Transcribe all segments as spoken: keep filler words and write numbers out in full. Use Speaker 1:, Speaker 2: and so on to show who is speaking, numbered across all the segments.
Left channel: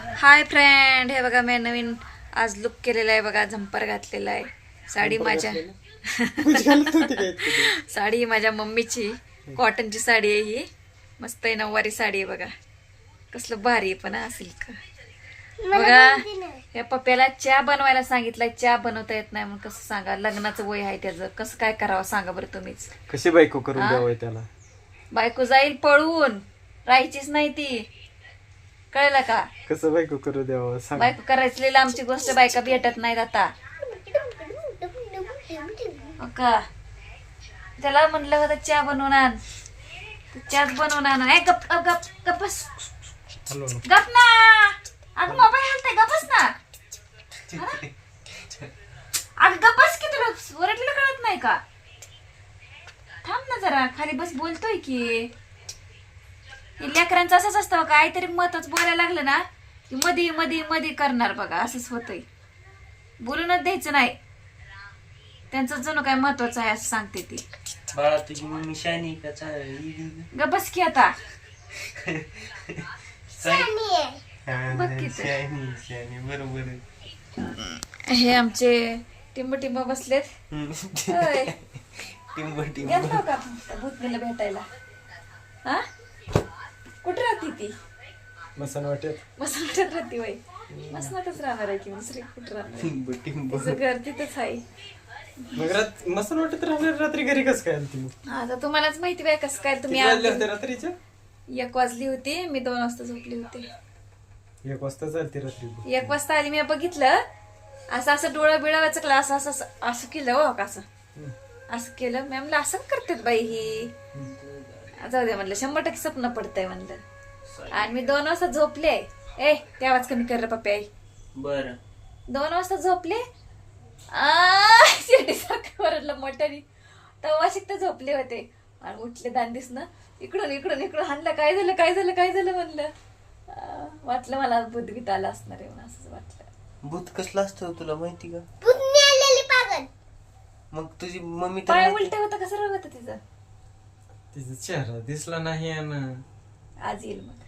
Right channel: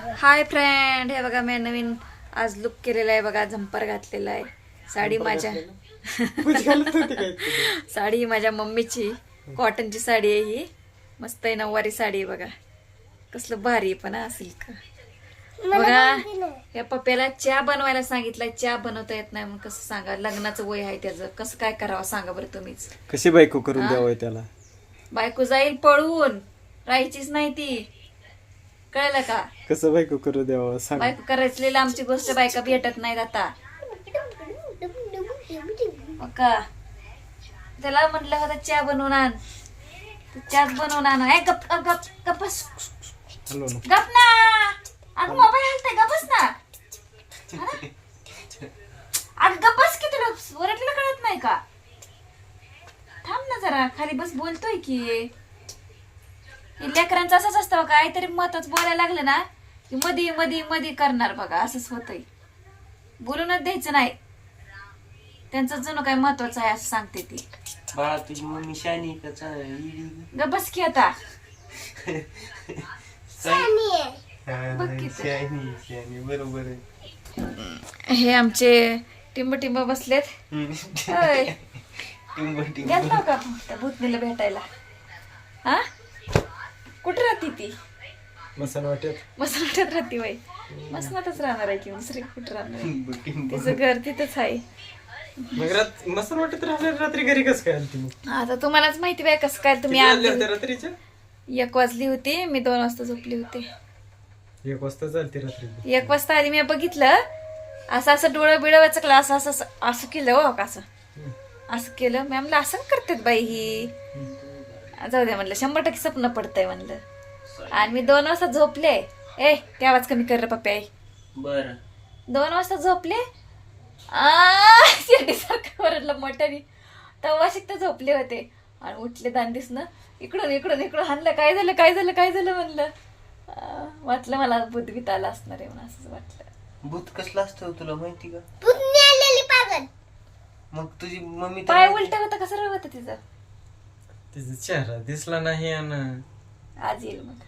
Speaker 1: Hi friend, हे बघा मी नवीन आज लुक केलेला आहे बघा. झंपर घातलेला आहे. साडी माझ्या साडी माझ्या मम्मीची कॉटनची साडी आहे ही. मस्त आहे, नऊवारी साडी आहे बघा. कसलं भारी आहे पण हा सिल्क बघा. या पप्प्याला चहा बनवायला सांगितलाय. चहा बनवता येत नाही म्हणून कसं सांगा. लग्नाचं वय आहे त्याचं, कसं काय करावं सांगा बरं तुम्हीच.
Speaker 2: कशी बायको करून द्यावं त्याला.
Speaker 1: बायको जाईल पळून, राहायचीच नाही ती, कळलं का.
Speaker 2: कसं बायको करू द्यावं सांग.
Speaker 1: बायको करायची लांबची गोष्ट, बायका भेटत नाहीत आता. का त्याला म्हटलं होतं चहा बनवून आण, चहाच बनवून आण. गप गप गप गपस गप ना. अगं मोबाईल हलताय, गपस ना. अगं गपस की, तुला ओरडलेलं कळत नाही का. थांब ना जरा खाली बस, बोलतोय की. लेकरांचं असंच असतं बघा, काहीतरी महत्वाचं बोलायला लागलं ना की मधी मधी मधी करणार बघा. असंच होतंय, बोलूनच द्यायचं नाही. त्यांचं जणू काय महत्वाचं आहे असं सांगते ती.
Speaker 3: बाळा तुझी मम्मी शानी का
Speaker 1: ग बस की आता.
Speaker 3: बरोबर.
Speaker 1: हे आमचे टिंब टिंब बसलेत. गेलतो का भूतनीला भेटायला? हा, कुठे राहते ती?
Speaker 2: मसन वाटत
Speaker 1: मसन वाटत राहते बाई. मसनातच राहणार आहे की दुसरी कुठे राहणार आहे? तिचं घर तिथंच आहे.
Speaker 2: मसन वाटत राहणार. रात्री घरी कसं काय आली ती?
Speaker 1: आता तुम्हालाच माहिती बाय कसं काय. तुम्ही
Speaker 2: आले होते रात्रीच्या?
Speaker 1: एक वाजली होती, मी दोन वाजता झोपली होते.
Speaker 2: एक वाजता चालते रात्री.
Speaker 1: एक वाजता आली, मी बघितलं असं असं डोळं बिळं वचकलं, असं असं असं केलं हो का, असं असं केलं. मी म्हणलं असं करतात बाई ही. जाऊ दे म्हणलं, शंभर टक्के स्वप्न पडतंय म्हणलं. आणि मी दोन वाजता झोपले. ए ते आवाज कमी कर रे पप्पा.
Speaker 3: बर
Speaker 1: दोन वाजता झोपले. शिर्डीसारखं ओरडलं मोठ्याने. तेव्हा शिकत झोपले होते आणि उठले दांडीस ना, इकडून इकडून इकडून हाणलं. काय झालं काय झालं काय झालं म्हणलं. वाटलं मला बुद्धीत आला असणार आहे म्हणून, असंच वाटलं.
Speaker 3: भूत कसलं असतं तुला माहिती का? मग तुझी मम्मी तर
Speaker 1: काय उलट होतं, कसं रवत तिचं.
Speaker 2: तिचा चेहरा दिसला नाही आणि
Speaker 1: आज येईल मग.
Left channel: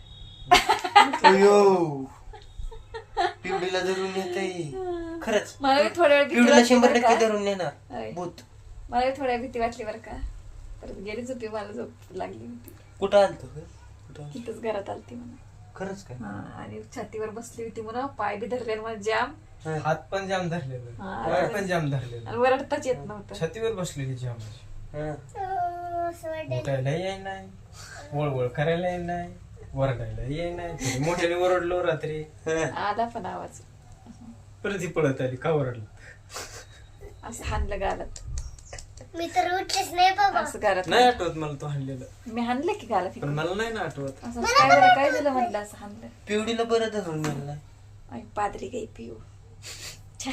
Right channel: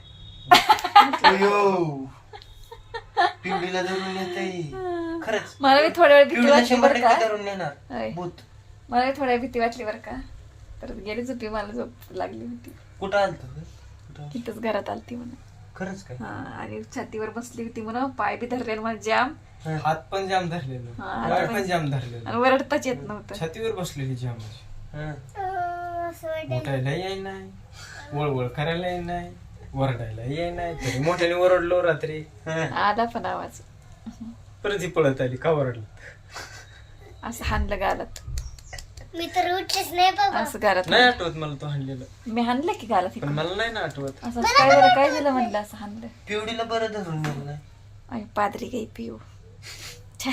Speaker 3: पिंडीला धरून येते खरंच.
Speaker 1: मला बी थोड्या वेळ भीती
Speaker 3: पिंडीला
Speaker 1: वाटली
Speaker 3: शंभर
Speaker 1: बरं
Speaker 3: टक्के
Speaker 1: का.
Speaker 3: धरून येणार
Speaker 1: होय.
Speaker 3: भूत.
Speaker 1: मला बी थोड्या भीती वाटली बरं का. परत गेली झोपी, मला झोप लागली होती.
Speaker 3: कुठं आलत कुठं?
Speaker 1: तिथंच घरात आलती म्हणून.
Speaker 3: खरंच काय?
Speaker 1: हा, आणि छातीवर बसली होती म्हणून. पाय बी धरले मला जाम,
Speaker 2: हात पण जाम धरलेलं,
Speaker 1: हा,
Speaker 2: पाय पण जाम धरलेलं,
Speaker 1: आणि वरडताच येत नव्हतं.
Speaker 2: छातीवर बसलेली जाम.
Speaker 3: हा.
Speaker 2: उठायला येई नाही, वळवळ करायला येई नाही, वरडायला येई नाही. तरी मोठ्याने ओरडलो रात्री.
Speaker 1: आला पण आवाज.
Speaker 2: परत ही पळत आली. का ओरडलं?
Speaker 1: असं हाणलं गालात.
Speaker 4: मी तर उठलेच नाही बाबा.
Speaker 1: असं गालात
Speaker 2: नाही आठवत मला तो हाणलेलं,
Speaker 1: मी हाणलं की गालात.
Speaker 2: पण मला नाही ना आठवत.
Speaker 1: असं काय झालं काय झालं म्हणलं, असं हाणलं.
Speaker 3: पिवडीला बरं धरून गेला.
Speaker 1: आई पादरी गाई पिऊ. छ्या.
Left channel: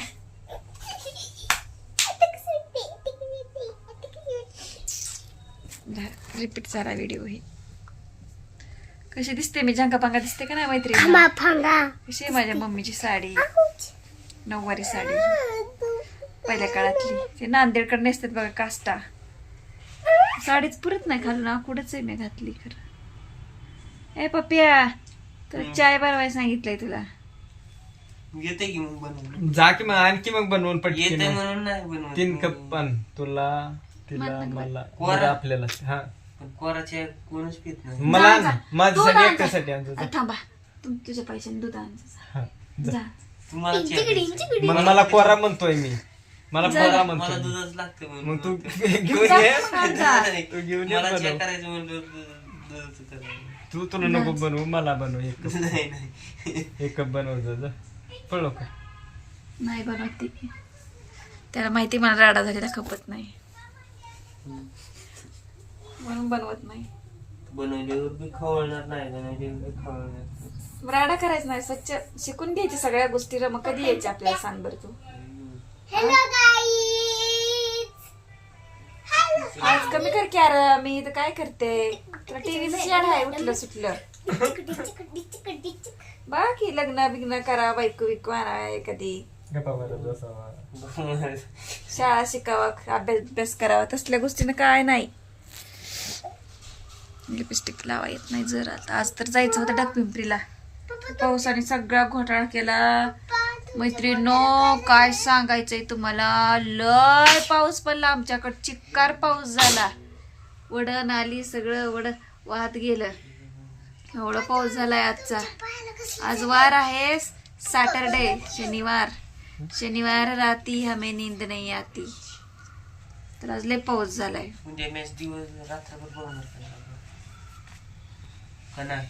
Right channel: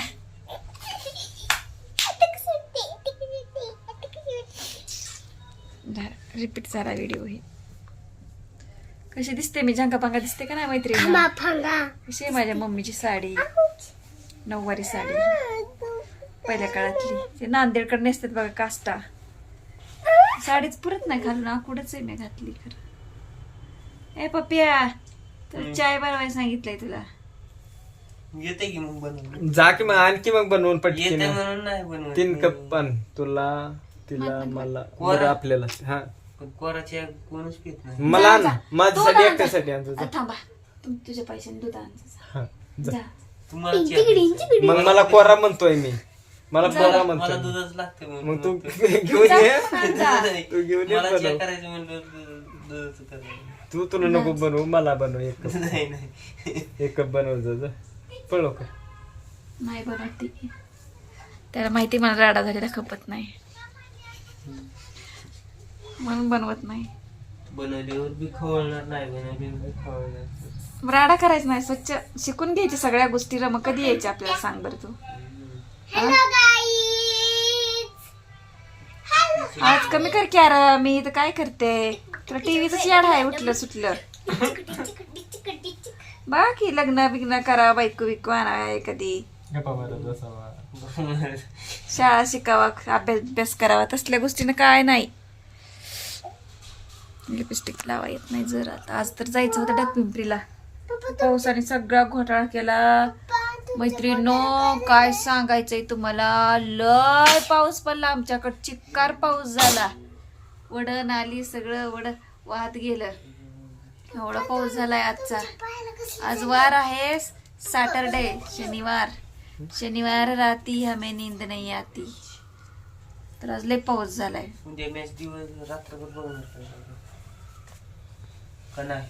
Speaker 1: रिपीट झाला व्हिडिओ हे. कशी दिसते मी, झांगा पांगा दिसते का नाही मैत्रिणी? कशी आहे माझ्या मम्मीची साडी, नऊवारी साडी पहिल्या काळातली. ते नांदेडकडे नेसतात बघा, काष्टा. साडीच पुरत नाही घालून, आकुडच आहे मी घातली खरं. ए पप्पिया, तुला चाय बनवायला सांगितलंय तुला.
Speaker 3: येते की मग बनवून.
Speaker 2: जा की मग आणखी मग बनवून पटकन.
Speaker 3: येते म्हणून नाही बनवत.
Speaker 2: तीन कप पण तुला, तिला, मला, बरं आपल्याला. हा,
Speaker 3: पण कोराच्या कोणच पित नाही.
Speaker 2: मला
Speaker 1: जा, जा.
Speaker 2: ना माझ्यासाठी
Speaker 1: दूध आण जा.
Speaker 2: एकट्यासाठी आणतो.
Speaker 1: अ, थांबा, तुम तुझ्या पैशाने दूध आण जा.
Speaker 2: हा, जा.
Speaker 1: जा.
Speaker 3: तुम्हाला चहा प्यायचा.
Speaker 2: मग मला कोरा म्हणतोय मी, मला
Speaker 1: जा.
Speaker 2: कोरा
Speaker 3: मला
Speaker 2: म्हणतोय.
Speaker 3: दूधच लागतं म्हणून.
Speaker 2: मग तू
Speaker 3: म्हणतोय.
Speaker 2: घेऊन
Speaker 1: जा,
Speaker 2: ये.
Speaker 1: मग आण जा.
Speaker 3: नाही.
Speaker 2: तू घेऊन ये
Speaker 3: मला चहा
Speaker 2: बनव.
Speaker 3: करायचं म्हणलं दूध- दुधाचं करायचं.
Speaker 2: तू तुला नको बनवू, मला बनव. एक कप,
Speaker 3: नाही नाही
Speaker 2: एक कप बनव जा. पळो का.
Speaker 1: नाही बनवत ती, त्याला माहिती मला राडा झालेला खपत नाही म्हणून बनवत नाही.
Speaker 3: बनवल्यावर बी खवळणार नाही, बनवल्यावर बी खवळणार.
Speaker 1: मग राडा करायचं नाही, स्वच्छ शिकून घ्यायची सगळ्या गोष्टी. मग कधी यायची आपल्याला सांग बरं तू.
Speaker 4: Hello guys.
Speaker 1: आज कमी कर की. अरे मी तर काय करते, तुला टीव्हीच याड आहे उठलं सुटलं. बघा की लग्न बिग्न करा, बायको बिको आणा कधी,
Speaker 2: गप्पा मारत बसावा,
Speaker 1: शाळा शिकावा, अभ्यास अभ्यास करावा, तसल्या गोष्टीनं काय नाही. लिपस्टिक लावा येत नाही जर. आता आज तर जायचं होतं डाकपिंपरीला, पावसाने सगळा घोटाळा केला मैत्रिणींनो. काय सांगायचंय तुम्हाला, लय पाऊस पडला आमच्याकडे, चिक्कार पाऊस झाला, वडण आली, सगळं वड वाहत गेलं, एवढा पाऊस झालाय आजचा. आज वार आहे सॅटरडे, शनिवार. शनिवार राती हमें नींद नहीं आती. तर आज लय पाऊस झालाय.
Speaker 3: उद्या मॅच दिवस रात्रभर बघणार का नाही?